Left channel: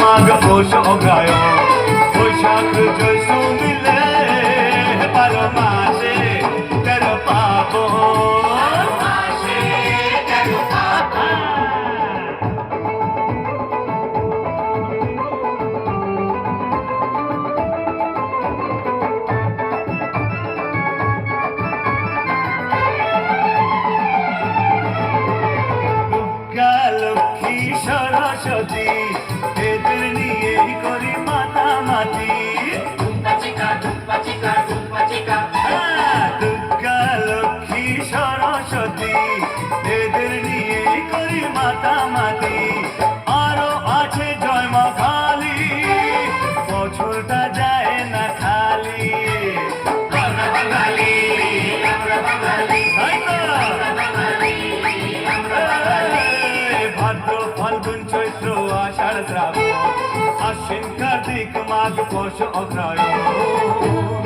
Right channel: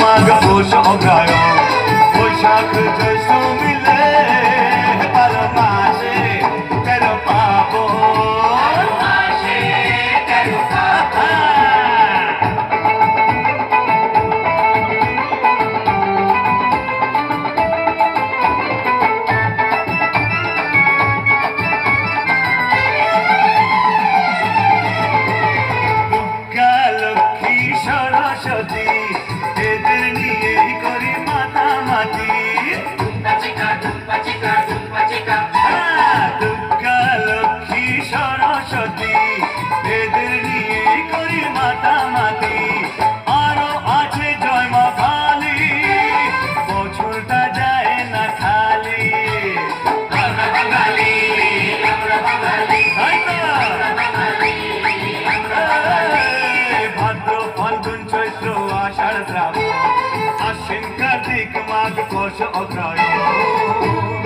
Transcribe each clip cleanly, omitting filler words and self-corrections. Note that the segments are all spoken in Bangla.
মাঘ পৌষ অগ্রহায়ণ বৈশাখ জ্যৈষ্ঠ মিলে 12 মাসে 13 পার্বণ মাসে 13 পার্বণ লক্ষ্মী সরস্বতী এদের নিয়েই করি মাতামাতি দুর্গা লক্ষ্মী সরস্বতী এদের নিয়েই করি মাতামাতি আরো আছে জয় মা কালী বছরটা যায় না খালি আমরা বাঙালি আমরা বাঙালি আশ্বিন কার্তিক মাঘ পৌষ অগ্রহায়ণ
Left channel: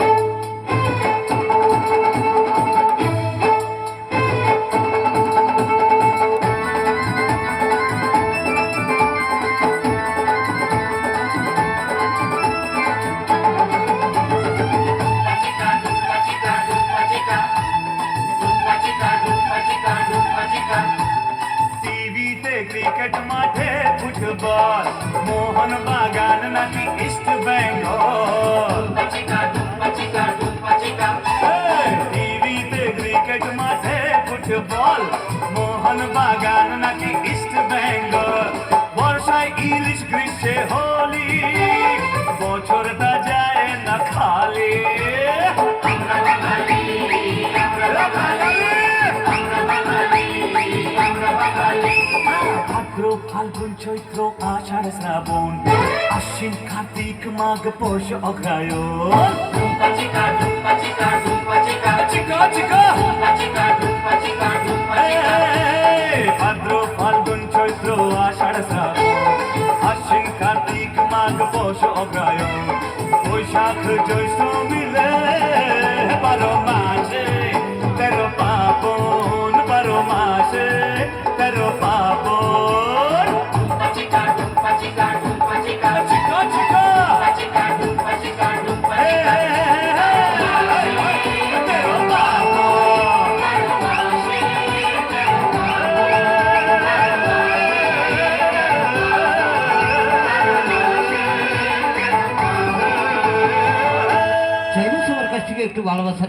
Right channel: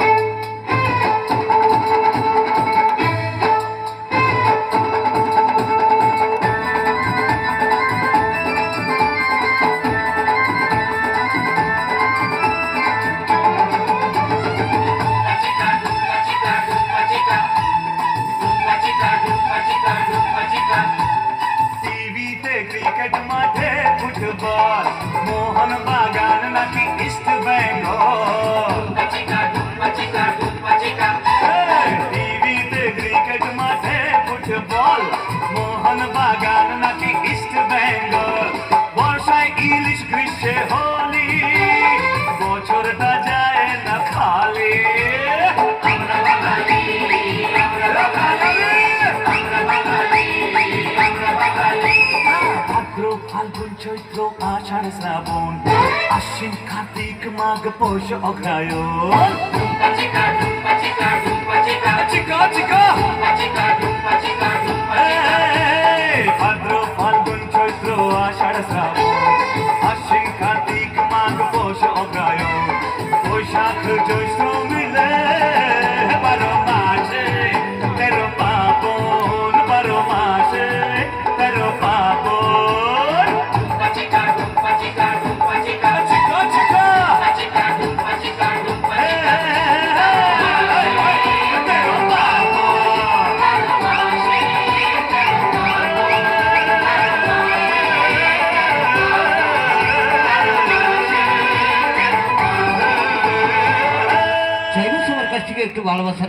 টিভিতে ক্রিকেট মাঠে ফুটবল মোহন বাগান নাকি ইস্ট বেঙ্গল টিভিতে ক্রিকেট মাঠে ফুটবল মোহন বাগান নাকি ইস্ট বেঙ্গল বর্ষায় ইলিশ গ্রীষ্মে হোলি বছরটা যায় না খালি ফাল্গুন চৈত্র আষাঢ় শ্রাবণ আশ্বিন কার্তিক মাঘ পৌষ অগ্রহায়ণ ভাদ্র ফাল্গুন চৈত্র আষাঢ় শ্রাবণ আশ্বিন কার্তিক মাঘ পৌষ অগ্রহায়ণ বৈশাখ জ্যৈষ্ঠ মিলে 12 মাসে 13 পার্বণ 12 মাসে 13 পার্বণ চাইবো সবার কাছ থেকে একটু ভালোবাসা